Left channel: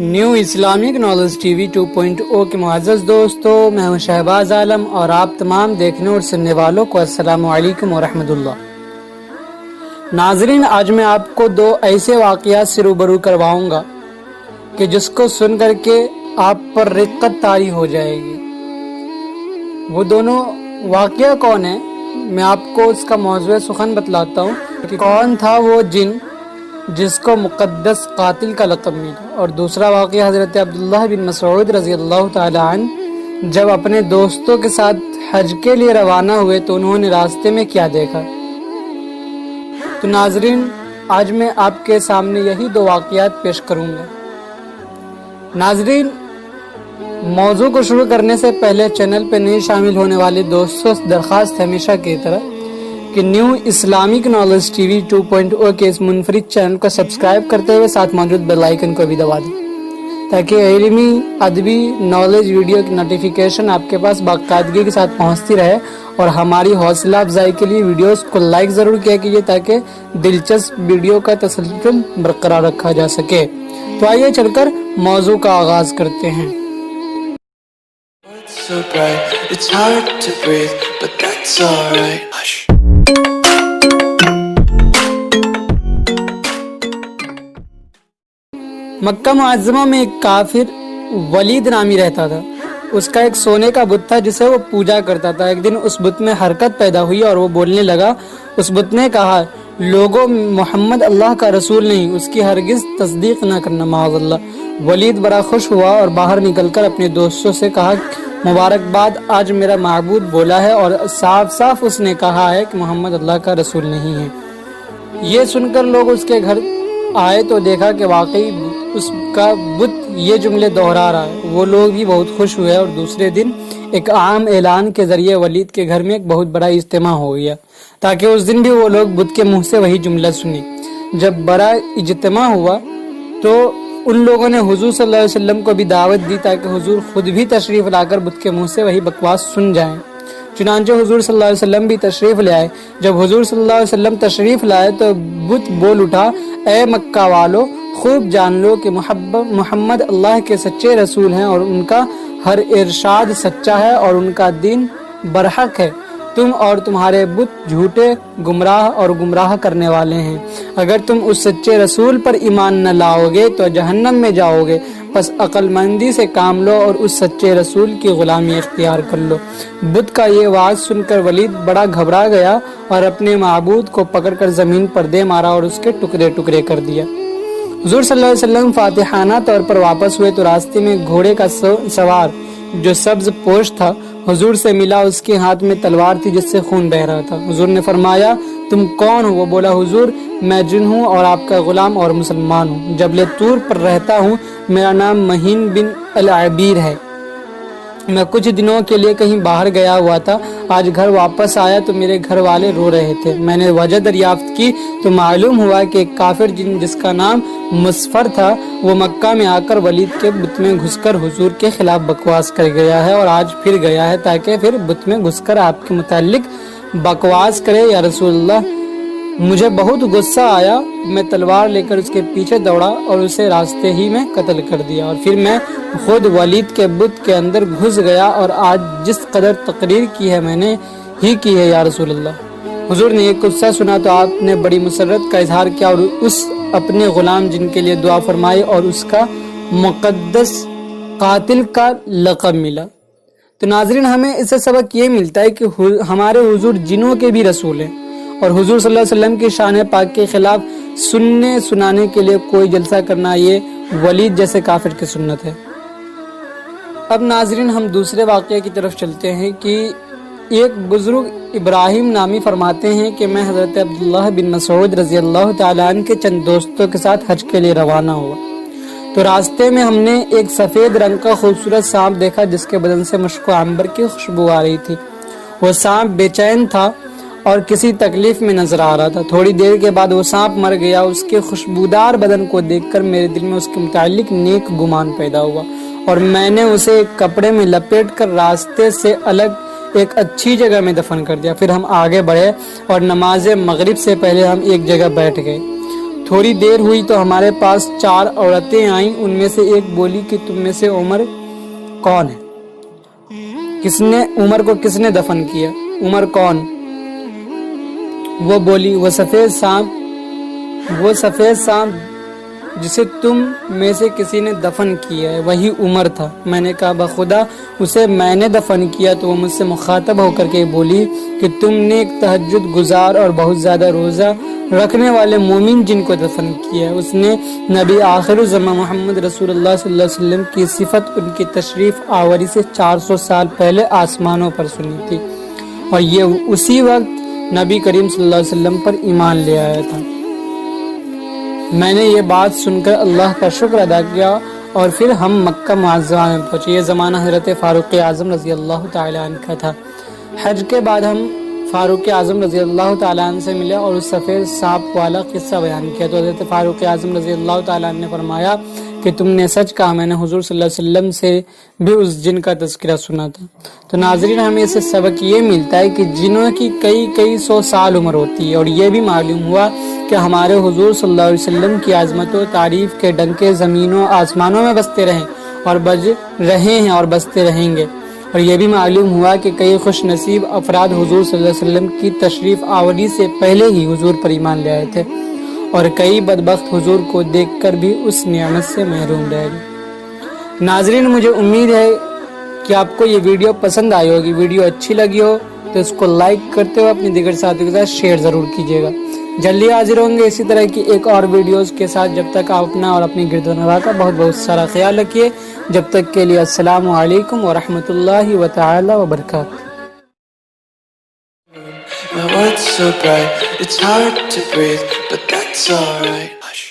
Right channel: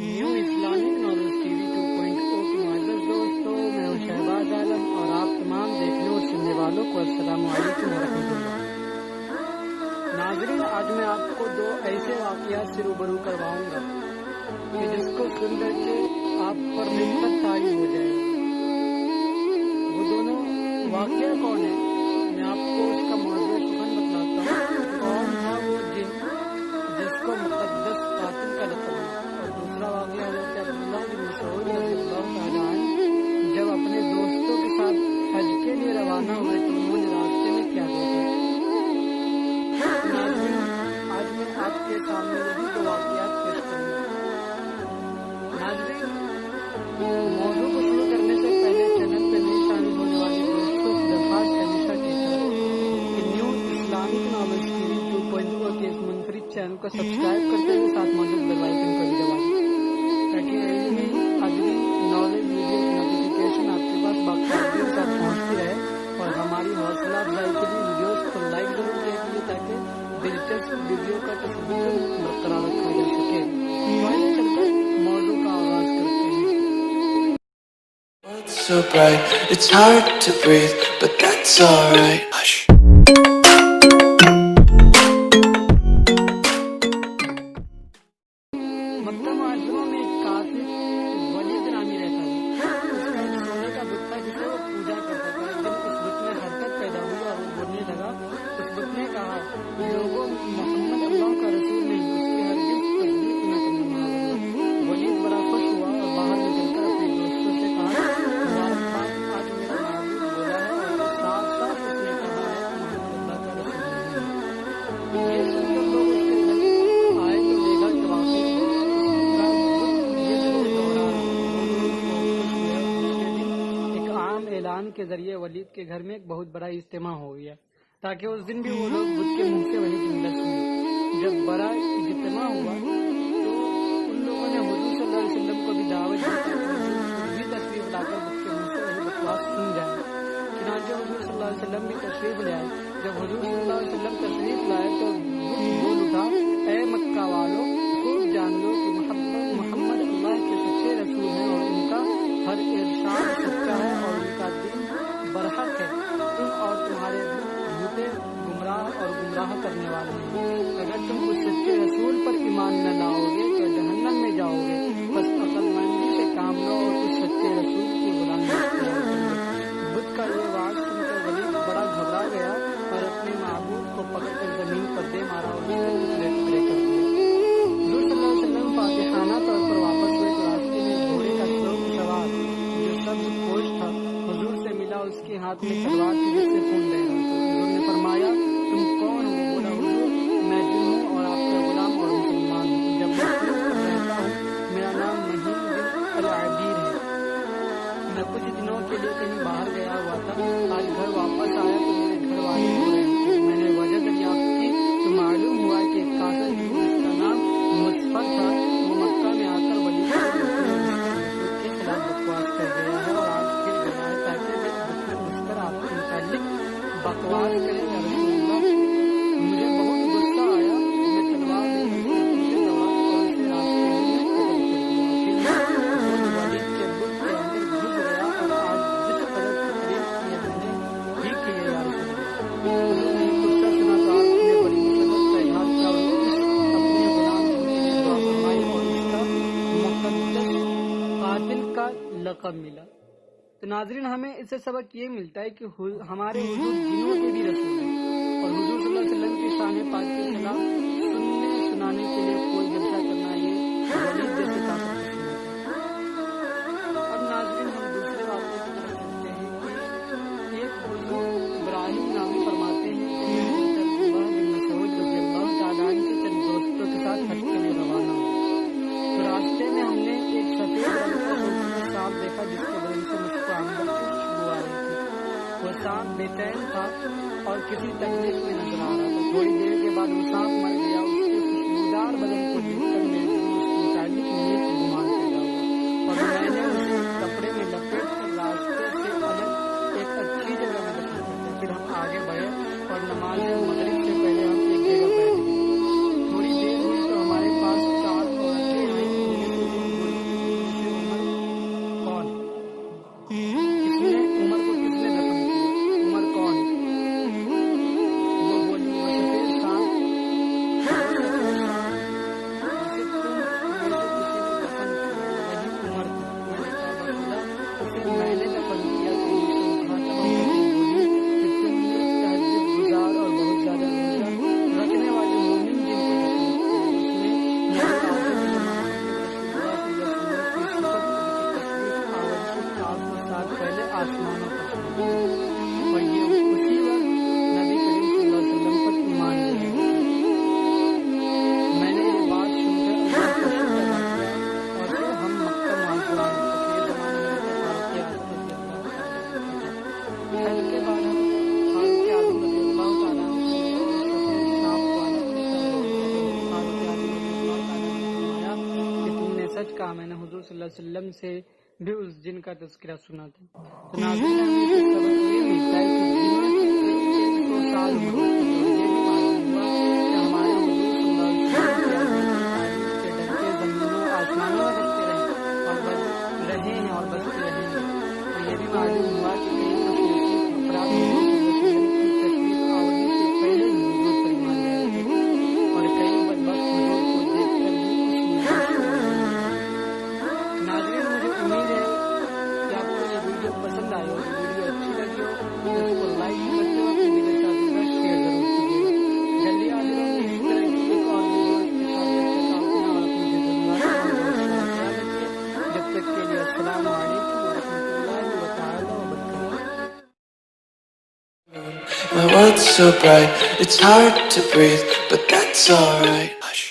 New Islamic knowledge T V 2.0 کے معزز دوستوں، میں ہوں شہباز عالم اور آپ تمام دیکھنے اور سننے والوں کو السلام علیکم ورحمۃ اللہ۔ ناظرین، آج میں آپ کو دو ایسے واقعات سے روبرو کرواؤں گا کہ جس کو سن کر کے آپ پر رقت طاری ہو جائے گی۔ وہ دونوں واقعہ کون ہے، میں آپ کو اس کا موضوع سخن بتلاتا ہوں کہ کون تھا وہ جن جس کو مقدس قاتل کا لقب ملا، اور دوسرا واقعہ حضرت عبداللہ بن مسعود رضی اللہ تعالی عنہ جب اپنے دوستوں کے ساتھ حج کے لیے روانہ ہوئے تو انہوں نے راستے میں کیا دیکھا۔ تو ناظرین، آج میں آپ کے سامنے یہی دو واقعات پیش کروں گا۔ ناظرین، موضوع کو شروع کرنے سے پہلے چینل پہ نئے شامل ہونے والے دوستوں سے درخواست ہمیشہ کی طرح کہ new Islamic knowledge T V 2.0 کے اس منفرد چینل کو سبسکرائب کرتے ہوئے ساتھ موجود بیل آئیکن کو بھی دبا دیں تاکہ علمی، ادبی، نالج ویڈیو کی نوٹیفیکیشن آپ کے پاس باقاعدگی کے ساتھ پہنچتی رہے، اور ہماری حوصلہ افزائی کے لیے ویڈیوز کو لائک ضرور کیا کیجیے تاکہ دلچسپ ویڈیو کا تسلسل برقرار رکھا جا سکے۔ تو آئیے چل کر موضوع کا آغاز کرتے ہیں۔ So bright, it's hard to breathe, but that's alright. Hush. مکہ معظمہ میں ایک کافر ولید نامی رہتا تھا۔ اس کا ایک سونے کا بت تھا جسے وہ پوجا کرتا تھا۔ ایک دن اس بت میں حرکت پیدا ہوئی اور وہ بولنے لگا۔ اس بت نے کہا، لوگوں، محمد اللہ کا رسول نہیں، اس کی ہرگز تصدیق نہ کرنا، معاذ اللہ۔ ولید بڑا خوش ہوا اور باہر نکل کر اپنے دوستوں سے کہا، مبارکباد، آج میرا معبود بولا ہے اور صاف صاف اس نے کہا ہے کہ محمد اللہ کا رسول نہیں ہے۔ یہ سن کر لوگ اس کے گھر آئے تو دیکھا کہ واقعی اس کا بت یہ جملے دہرا رہا ہے۔ وہ لوگ بھی بہت خوش ہوئے اور دوسرے دن ایک عام اعلان کے ذریعے ولید کے گھر میں ایک بہت بڑا اجتماع ہو گیا تاکہ اس دن بھی وہ لوگ بت کے منہ سے وہی جملہ سنیں۔ جب بڑا اجتماع ہوا تو ان لوگوں نے حضور صلی اللہ علیہ وسلم کو بھی دعوت دی تاکہ حضور خود بھی تشریف لا کر بت کے منہ سے وہی بکواس سن جائیں۔ چنانچہ حضور صلی اللہ علیہ وسلم بھی تشریف لے آئے۔ جب حضور صلی اللہ علیہ وسلم تشریف لائے تو بت بول اٹھا، اے مکہ والو، خوب جان لو کہ محمد اللہ کے سچے رسول ہیں اور ان کا ہر ارشاد سچا ہے اور ان کا دین برحق ہے۔ تم اور تمہارے بت جھوٹے، گمراہ اور گمراہ کرنے والے ہیں۔ اگر تم اس سچے رسول پر ایمان نہ لاؤ گے تو جہنم میں جاؤ گے، پس عقل مندی سے کام لو اور اس سچے رسول کی غلامی اختیار کر لو۔ بت کا یہ واز سن کر ولید بڑا گھبرا گیا اور اپنے معبود کو پکڑ کر زمین پر دے مارا اور اس کے ٹکڑے ٹکڑے کر دیا۔ حضور صلی اللہ علیہ وسلم فاتحانہ طور پر واپس ہوئے تو راستے میں گھوڑے کا سوار جو سبز پوش تھا حضور سے ملا۔ اس کے ہاتھ میں تلوار تھی جس سے خون بہہ رہا تھا۔ حضور نے فرمایا، تم کون ہو؟ وہ بولا، حضور میں جن ہوں اور آپ کا غلام اور مسلمان ہوں، جبل طور پر رہتا ہوں، میرا نام مہین بن العبیر ہے۔ میں کچھ دنوں کے لیے کہیں باہر گیا ہوا تھا، آج گھر واپس آیا تو میرے گھر والے رو رہے تھے۔ میں نے وجہ دریافت کی تو معلوم ہوا کہ ایک کافر جس کا نام مسفر تھا وہ مکہ میں آ کر ولید کے بت میں گھس کر حضور کے خلاف بکواس کر گیا ہے اور آج پھر گیا ہے تاکہ پھر بت میں گھس کر آپ کے متعلق بکواس کرے۔ یا رسول اللہ، مجھے بہت غصہ آیا، میں تلوار لے کر اس کے پیچھے دوڑا اور اسے راستے ہی میں قتل کر دیا، اور پھر میں خود ولید کے بت کے اندر گھس گیا اور آج جس قدر تقریر کی ہے میں نے ہی کی ہے یا رسول اللہ۔ حضور نے یہ قصہ سنا تو آپ نے بڑی مسرت کا اظہار کیا اور اس اپنے غلام جن کے لیے دعا فرمائی اور اس کا مقدس قاتل کا لقب ملا۔ تو ناظرین، ہمیں اس سے سبق یہ ملتا ہے کہ ہمارے حضور جنوں کے بھی رسول ہیں اور حضور صلی اللہ علیہ وسلم کی شان پاک کے خلاف سننے سنانے کے لیے کوئی جلسہ کرنا یہ ولید جیسے کافر کی سنت ہے۔ اب ناظرین، ہم دوسرے واقعے کی طرف چلتے ہیں کہ ایک بزرگ ابراہیم نامی فرماتے ہیں کہ میں حضرت عبداللہ بن مسعود رضی اللہ تعالیٰ عنہ کے چند دوستوں کے ساتھ حج کے لیے روانہ ہوا تو راستے میں ہم نے ایک سفید رنگ کا خوبصورت سانپ دیکھا جس کے بدن سے مشک و عنبر کی خوشبو آ رہی تھی۔ وہ سانپ بے چین تھا اور کسی تکلیف میں نظر آ رہا تھا۔ تھوڑی دیر کے بعد وہ سانپ مر گیا۔ اس کے خوشبودار بدن کو دیکھ کر میرے دل میں اس کے متعلق نیک گمان پیدا ہوا اور میں نے اسے ایک کپڑے میں لپیٹ کر راستے سے الگ ایک اچھی جگہ میں دفن کر دیا۔ پھر ہم آگے بڑھے اور نماز مغرب سے پہلے ہم ایک جگہ بیٹھ گئے۔ تھوڑی دیر ہوئی تو ہمارے پاس 4 عورتیں آئیں. ان میں سے ایک بولی کہ تم میں سے عمر کون ہے؟ عمر کو کس نے دفن کیا؟ عمر کون؟ وہ بولی وہ سفید سانپ جسے تم میں سے کسی نے دفن کیا ہے وہی عمر تھا. میں نے کہا بخدا اسے میں نے دفن کیا. تو وہ مجھ سے مخاطب ہو کر کے بولی کہ تم نے ایک تہجد گزار اور بہت زیادہ روزہ رکھنے والے مومن جن کو دفن کیا ہے. اس نے نبی آخر الزمان محمد رسول اللہ صلی اللہ علیہ وسلم کی صفت ان کی تشریف آوری سے 400 سال پہلے آسمانوں پر سنی تھی اور یہ اسی وقت نبی کریم صلی اللہ علیہ وسلم پر ایمان لے آیا تھا. میں نے یہ بات سن کر اللہ کا شکر ادا کیا اور پھر ہم مکہ معظمہ میں پہنچے. یہ زمانہ حضرت فاروق اعظم رضی اللہ تعالیٰ عنہ کا تھا. حج کے بعد ہم فاروق اعظم رضی اللہ تعالیٰ عنہ سے ملے اور اس سفید سانپ والا قصہ بیان کیا. تو حضرت فاروق اعظم رضی اللہ تعالیٰ عنہ نے فرمایا کہ تم نے سچ کہا, میں نے حضور صلی اللہ علیہ وسلم سے بھی اس جن کا تذکرہ سنا تھا. تو ناظرین ہمیں اس سے سبق یہ ملتا ہے کہ جنوں کی کئی سو سال عمر ہوتی ہے اور یہ بھی معلوم ہوا کہ ہمارے حضور صلی اللہ علیہ وسلم کی عظمت و تعریف کے ڈنکے زمینوں آسمانوں میں بجتے رہیں اور بج رہے ہیں اور بجتے رہیں گے. اور یہ بھی معلوم ہوا کہ کئی خوش نصیب افراد حضور صلی اللہ علیہ وسلم کی تشریف آوری سے پہلے ہی حضور پر ایمان لے آئے تھے اور کئی بدبخت حضور کو دیکھ کر بھی اس نعمت سے محروم رہ گئے. ناظرین مجھے امید ہے کہ آپ کو یہ ویڈیو پسند آئی ہوگی. ویڈیو اچھی لگی ہو تو اس کو لائک کرتے ہوئے اپنے دیگر ساتھیوں کے ساتھ شیئر ضرور کیجیے گا. جلدی حاضر ہوں گے اسی طرح کی ایک اور ویڈیوز کے ساتھ. جب تک آپ اپنا اور اپنی گرد و نواح کا بہت سارا خیال رکھیے. جب تک کے لیے السلام علیکم ورحمۃ اللہ تعالی وبرکاتہ. My world's so bright, it's hard to breathe, but that's alright. Hush.